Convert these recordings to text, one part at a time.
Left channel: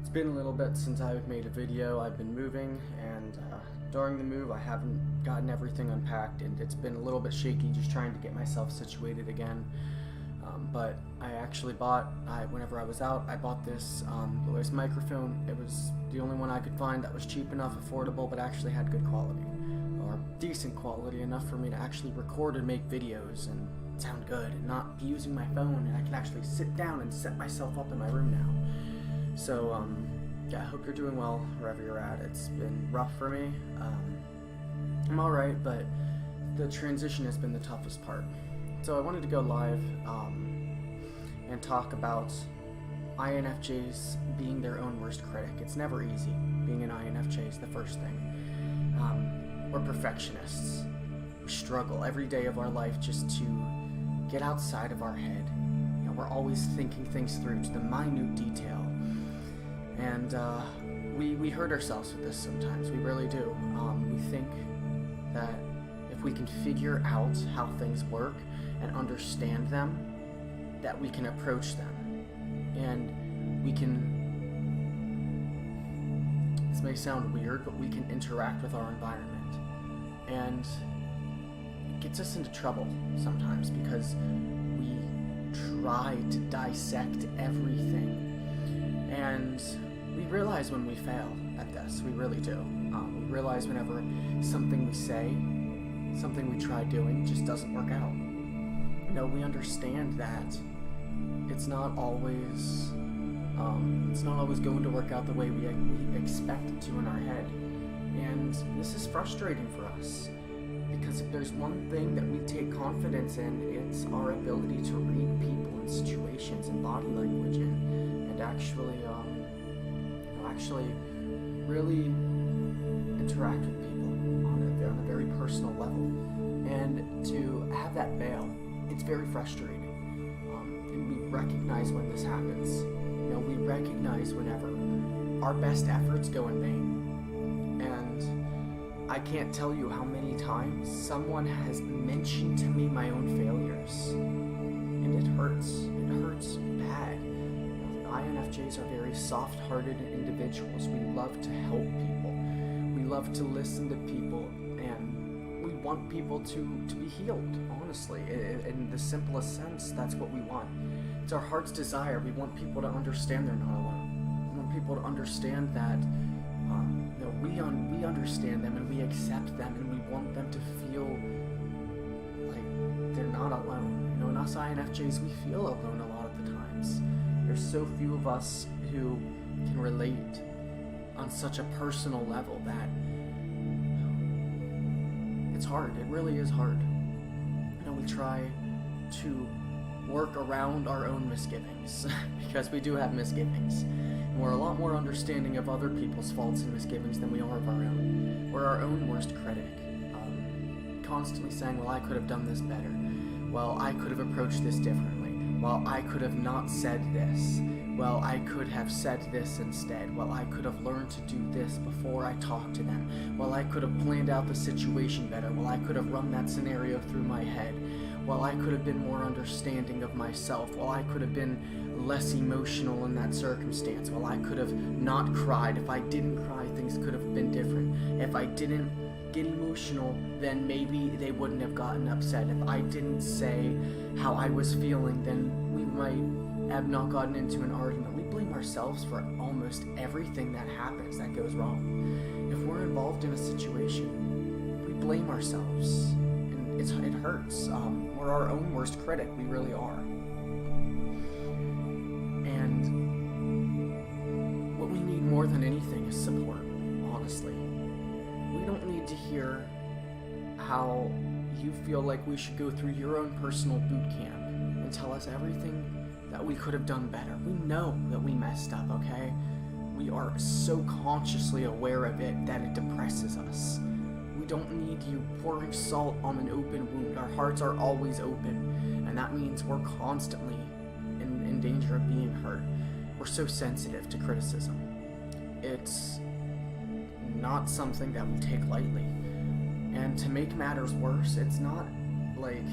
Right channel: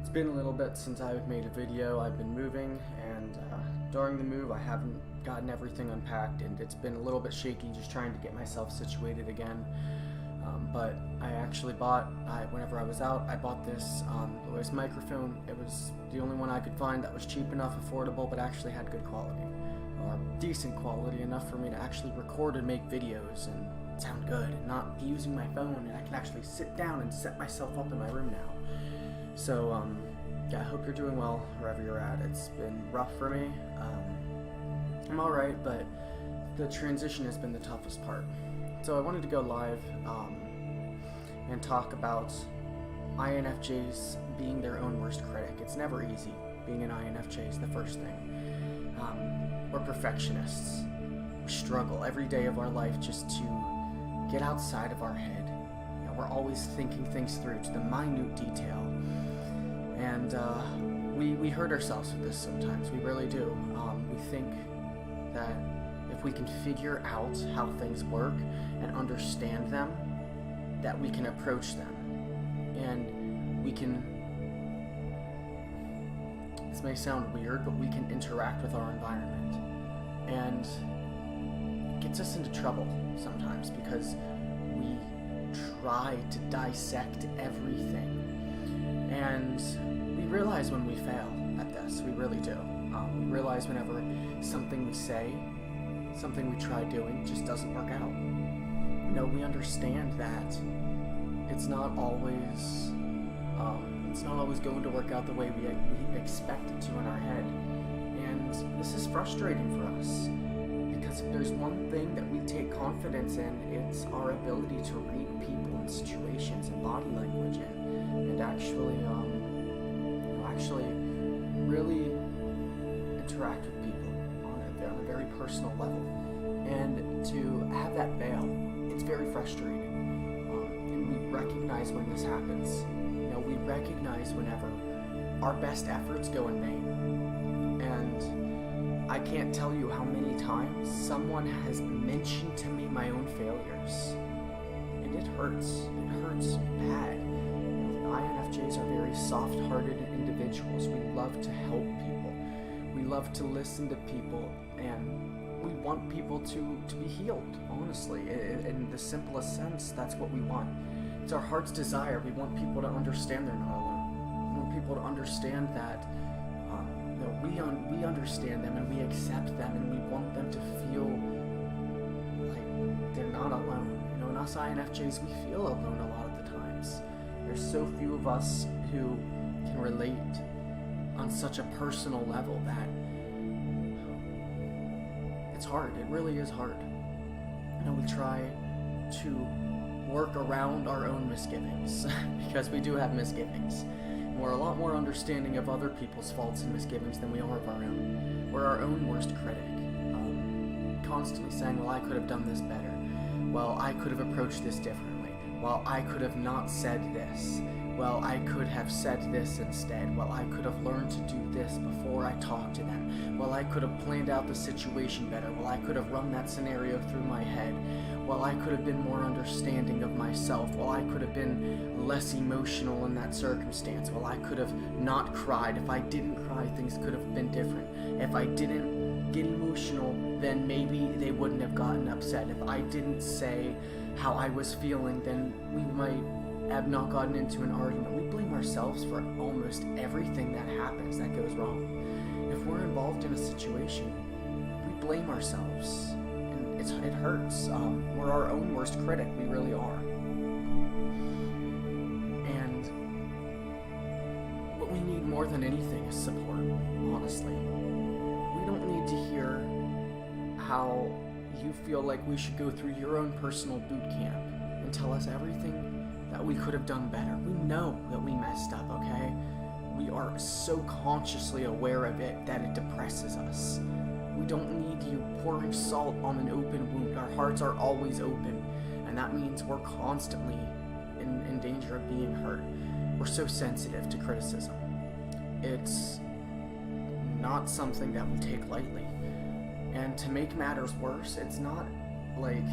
It's been a little bit since I've made a video. I've been moving, and during the move I haven't gotten everything unpacked, and it's been a little bit shaky just trying to get myself situated again. But I actually whenever I was out, I bought this voice microphone. It was the only one I could find that was cheap enough, affordable, but actually had good quality, or decent quality enough for me to actually record and make videos and sound good, and not be using my phone, and I can actually sit down and set myself up in my room now. So yeah, I hope you're doing well wherever you're at. It's been rough for me. I'm alright, but the transition has been the toughest part. So I wanted to go live and talk about INFJs being their own worst critic. It's never easy. Being an INFJ is the first thing. We're perfectionists. We struggle every day of our life just to get outside of our head. You know, we're always thinking things through to the minute detail. And we hurt ourselves with this sometimes. We really do. We think that if we can figure out how things work and understand them, that we can approach them. And we can, this may sound weird, but we can interact with our environment. And it gets us into trouble sometimes because we try to dissect everything. And we realize when we fail at this. We really do. We realize whenever something we say, something we try doing just doesn't work out. You know, we understand that it's not always going to work out the way we expect it to in our head. And this is frustrating for us, because if there's one thing that we take confidence in, it's our ability to read people and situations and body language and actually really interact with people on a very personal level. And to have that fail, it's very frustrating. And we recognize when this happens. You know, we recognize whenever our best efforts go in vain. And I can't tell you how many times someone has mentioned to me my own failures. And it hurts. It hurts bad. INFJs are very soft-hearted individuals. We love to help people. We love to listen to people, and we want people to be healed, honestly. In the simplest sense, that's what we want. It's our heart's desire. We want people to understand they're not alone. We want people to understand that we understand them, and we accept them, and we want them to feel like they're not alone. You know, and us INFJs, we feel alone a lot of the times. There's so few of us who can relate on such a personal level that it's hard. It really is hard. You know, we try to work around our own misgivings because we do have misgivings. And we're a lot more understanding of other people's faults and misgivings than we are of our own. We're our own worst critic. Constantly saying, well, I could have done this better. Well, I could have approached this differently. Well, I could have not said this. Well, I could have said this instead. Well, I could have learned to do this before I talked to them. Well, I could have planned out the situation better. Well, I could have run that scenario through my head. Well, I could have been more understanding of myself. Well, I could have been less emotional in that circumstance. Well, I could have not cried. If I didn't cry, things could have been different. If I didn't get emotional, then maybe they wouldn't have gotten upset. If I didn't say how I was feeling, then we might have not gotten into an argument. We blame ourselves for almost everything that happens that goes wrong. If we're involved in a situation, we blame ourselves, and it hurts. We're our own worst critic. We really are. And what we need more than anything is support, honestly. We don't need to hear how you feel like we should go through your own personal boot camp and tell us everything that we could have done better. We know that we messed up, okay? We are so consciously aware of it that it depresses us. We don't need you pouring salt on an open wound. Our hearts are always open, and that means we're constantly in danger of being hurt. We're so sensitive to criticism. It's not something that we take lightly. And to make matters worse, it's not like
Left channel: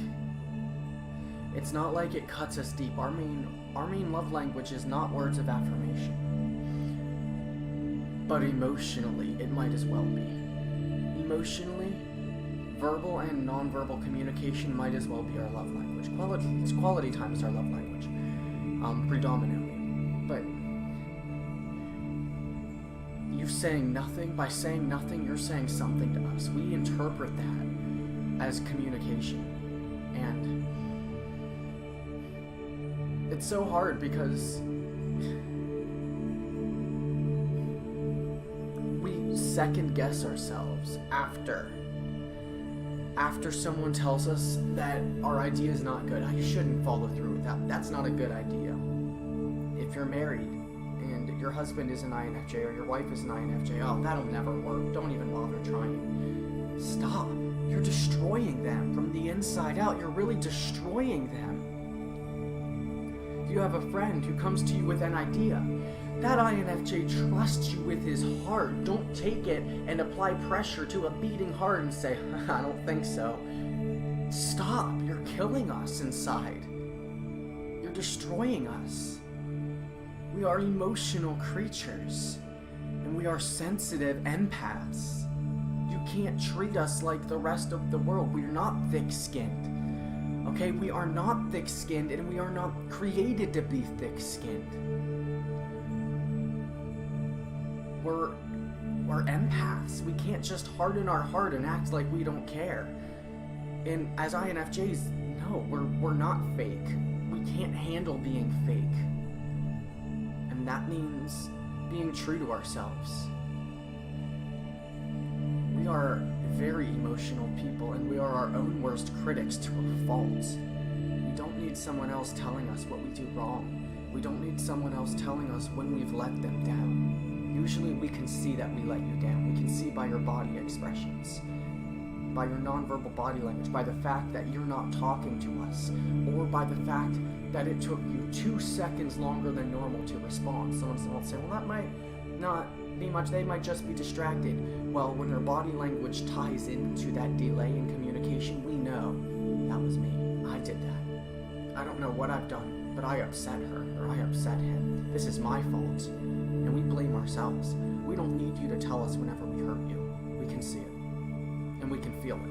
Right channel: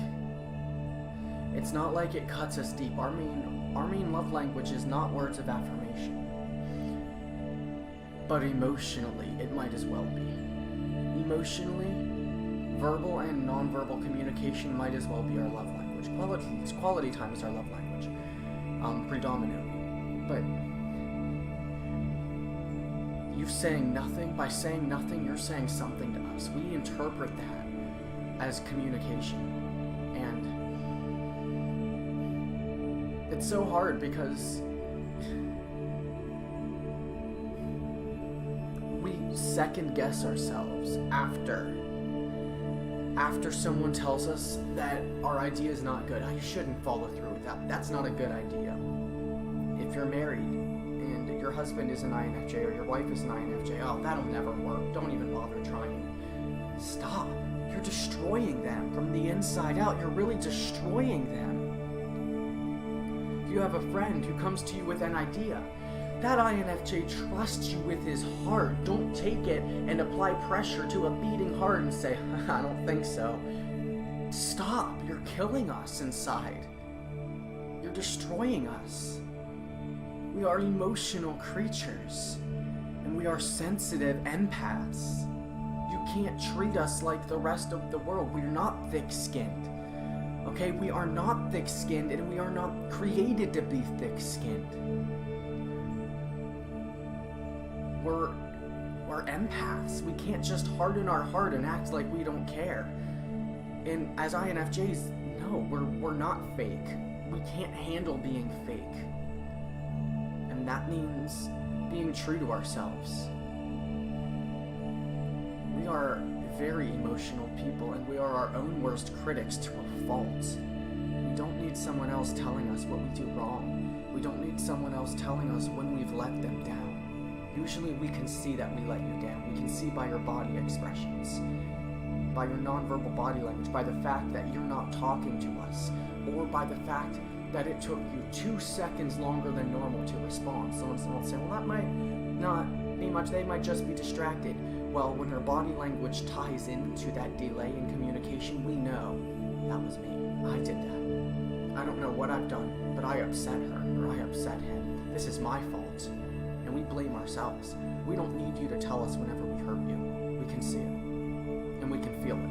it cuts us deep. Our main love language is not words of affirmation. but emotionally, it might as well be. Emotionally, verbal and nonverbal communication might as well be our love language. Quality time is our love language, predominantly. But you saying nothing, by saying nothing, you're saying something to us. We interpret that as communication. And it's so hard because we second guess ourselves after someone tells us that our idea is not good. I shouldn't follow through with that. That's not a good idea. If you're married and your husband is an INFJ or your wife is an INFJ, oh, that'll never work. Don't even bother trying. Stop. You're destroying them from the inside out. You're really destroying them. You have a friend who comes to you with an idea. That INFJ trusts you with his heart. Don't take it and apply pressure to a beating heart and say, I don't think so. Stop. You're killing us inside. You're destroying us. We are emotional creatures, and we are sensitive empaths. You can't treat us like the rest of the world. We're not thick-skinned. Okay, we are not thick-skinned, and we are not created to be thick-skinned. We're empaths. We can't just harden our heart and act like we don't care. And as INFJs, no, we're not fake. We can't handle being fake. And that means being true to ourselves. We are very emotional people, and we are our own worst critics to a fault. We don't need someone else telling us what we do wrong. We don't need someone else telling us when we've let them down. Usually we can see that we let you down. We can see by your body expressions, by your nonverbal body language, by the fact that you're not talking to us, or by the fact that it took you 2 seconds longer than normal to respond. Someone will say, well, that might not be much. They might just be distracted. Well, when their body language ties into that delay in communication, we know that was me. I did that. I don't know what I've done, but I upset her or I upset him. This is my fault. And we blame ourselves. We don't need you to tell us whenever we hurt you. We can see it. And we can feel it.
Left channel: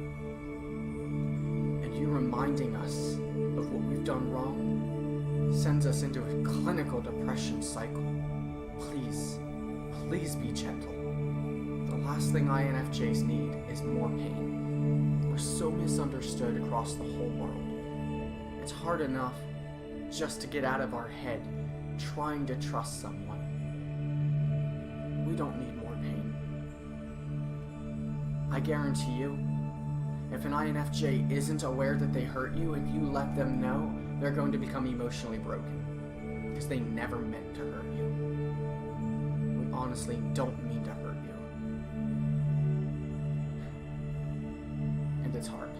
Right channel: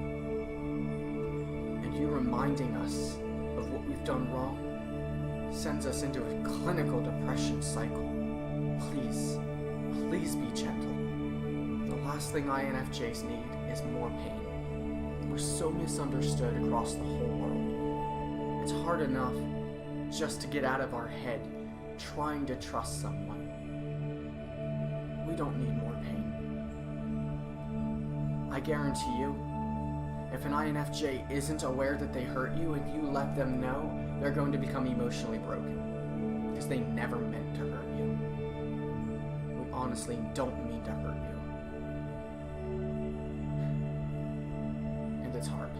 And you reminding us of what we've done wrong sends us into a clinical depression cycle. Please, please be gentle. The last thing INFJs need is more pain. We're so misunderstood across the whole world. It's hard enough just to get out of our head trying to trust someone. We don't need more pain. I guarantee you, if an INFJ isn't aware that they hurt you and you let them know, they're going to become emotionally broken because they never meant to hurt you. We honestly don't mean to hurt you. And it's hard.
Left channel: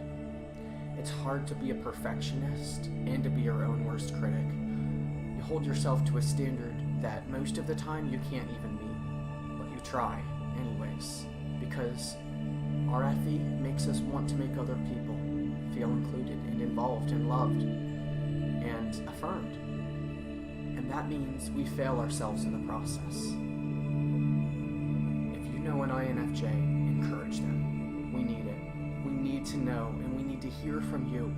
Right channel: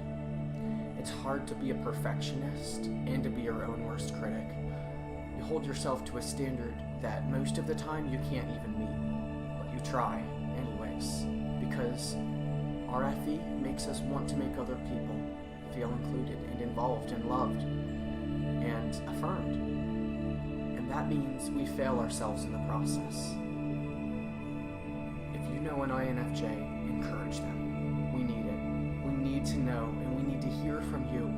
It's hard to be a perfectionist and to be your own worst critic. You hold yourself to a standard that most of the time you can't even meet, but you try anyways, because RFE makes us want to make other people feel included and involved and loved and affirmed. And that means we fail ourselves in the process. If you know an INFJ, encourage them. We need it. We need to know, and we need to hear from you.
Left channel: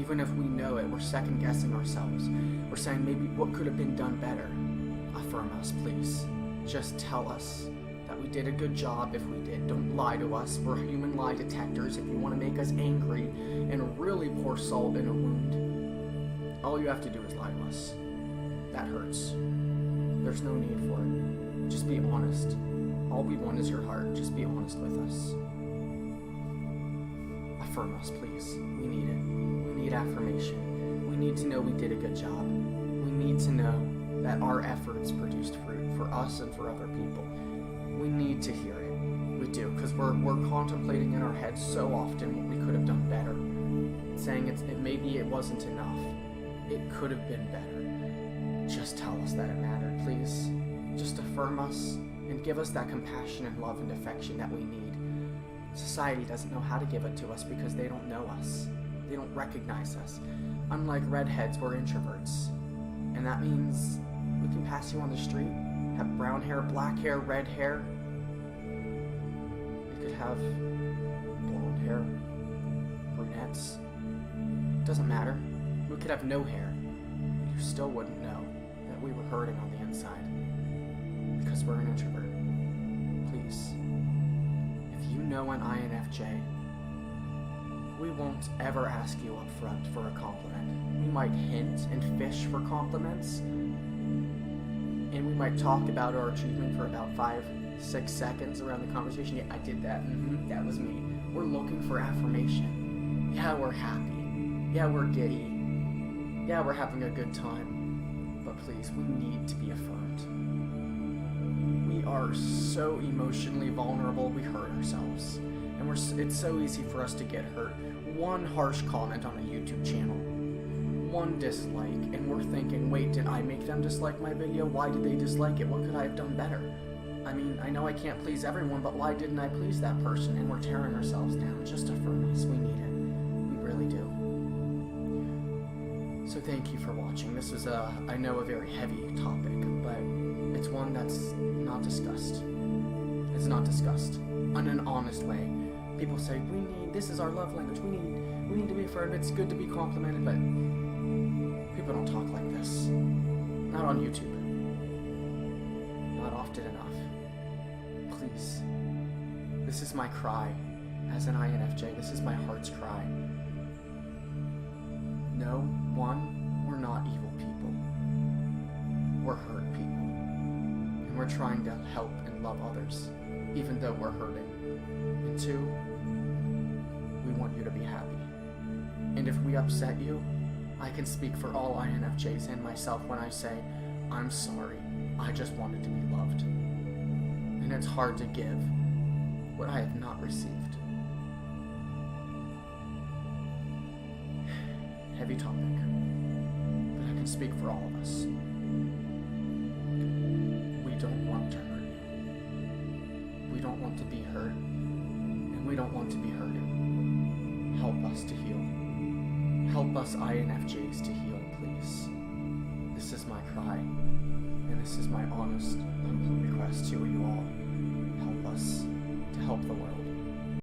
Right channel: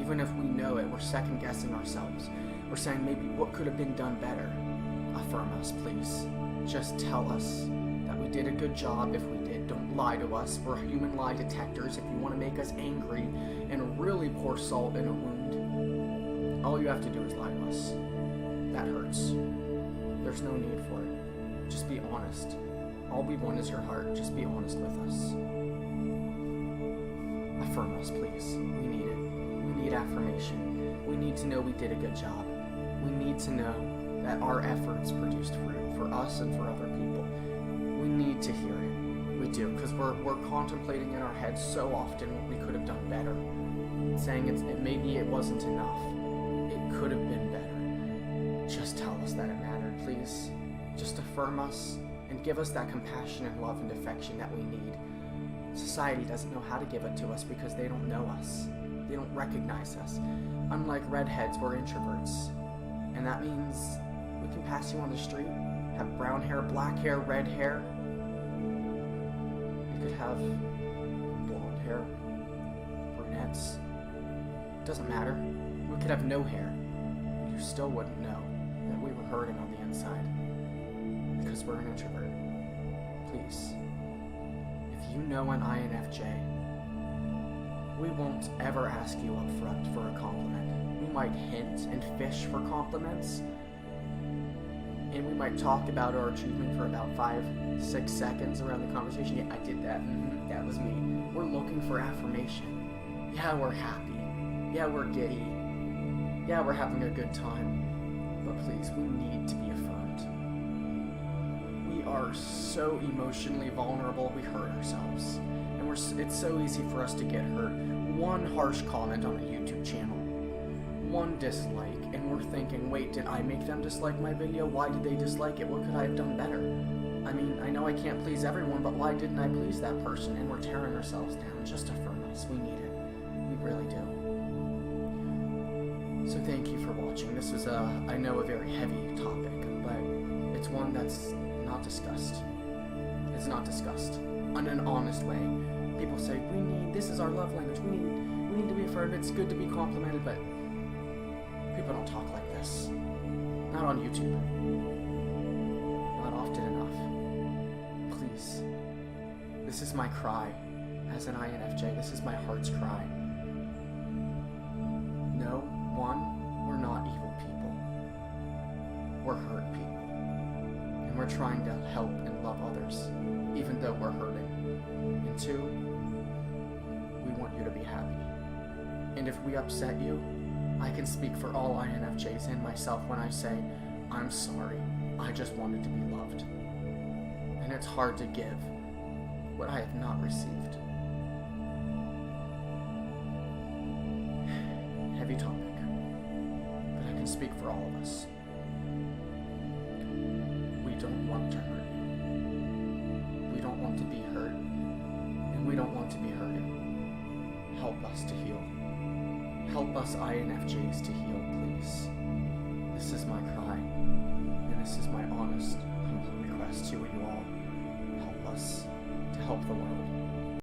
Even if we know it, we're second guessing ourselves. We're saying maybe what could have been done better. Affirm us, please. Just tell us that we did a good job if we did. Don't lie to us. We're human lie detectors. If you want to make us angry and really pour salt in a wound, all you have to do is lie to us. That hurts. There's no need for it. Just be honest. All we want is your heart. Just be honest with us. Affirm us, please. We need it. We need affirmation. We need to know we did a good job. We need to know that our efforts produced fruit for us and for other people. We need to hear it. We do, because we're contemplating in our heads so often what we could have done better. Saying maybe it wasn't enough. It could have been better. Just tell us that it mattered, please. Just affirm us and give us that compassion and love and affection that we need. Society doesn't know how to give it to us because they don't know us. They don't recognize us. Unlike redheads, we're introverts. And that means we can pass you on the street, have brown hair, black hair, red hair, could have blonde hair, brunettes. Doesn't matter. We could have no hair. And you still wouldn't know that we were hurting on the inside. Because we're an introvert. Please. If you know an INFJ, we won't ever ask you up front for a compliment. We might hint and fish for compliments. And we might talk about our achievement for about 5-6 seconds around the conversation. Yeah, I did that. That was me. We're looking for affirmation. Yeah, we're happy. Yeah, we're giddy. Yeah, we're having a good time. But please, we need to be affirmed. We are so emotionally vulnerable, we hurt ourselves. And it's so easy for us to get hurt. One harsh comment on a YouTube channel. One dislike, and we're thinking, wait, did I make them dislike my video? Why did they dislike it? What could I have done better? I mean, I know I can't please everyone, but why didn't I please that person? And we're tearing ourselves down. Just affirm us. We need it. We really do. So thank you for watching. This was I know, a very heavy topic, but it's one that's not discussed. It's not discussed in an honest way. People say, this is our love language. We need to be affirmed. It's good to be complimented, but people don't talk like this. Not on YouTube. Not often enough. Please. This is my cry as an INFJ. This is my heart's cry. No, one, we're not evil people. We're hurt people. And we're trying to help and love others, even though we're hurting. And two, we want you to be happy. And if we upset you, I can speak for all INFJs and myself when I say, I'm sorry, I just wanted to be loved. And it's hard to give what I have not received. Heavy topic, but I can speak for all of us. We don't want to hurt you. We don't want to be hurt, and we don't want to be hurting. Help us to heal. Help us INFJs to heal, please. This is my cry, and this is my honest, humble request to you all. Help us to help the world.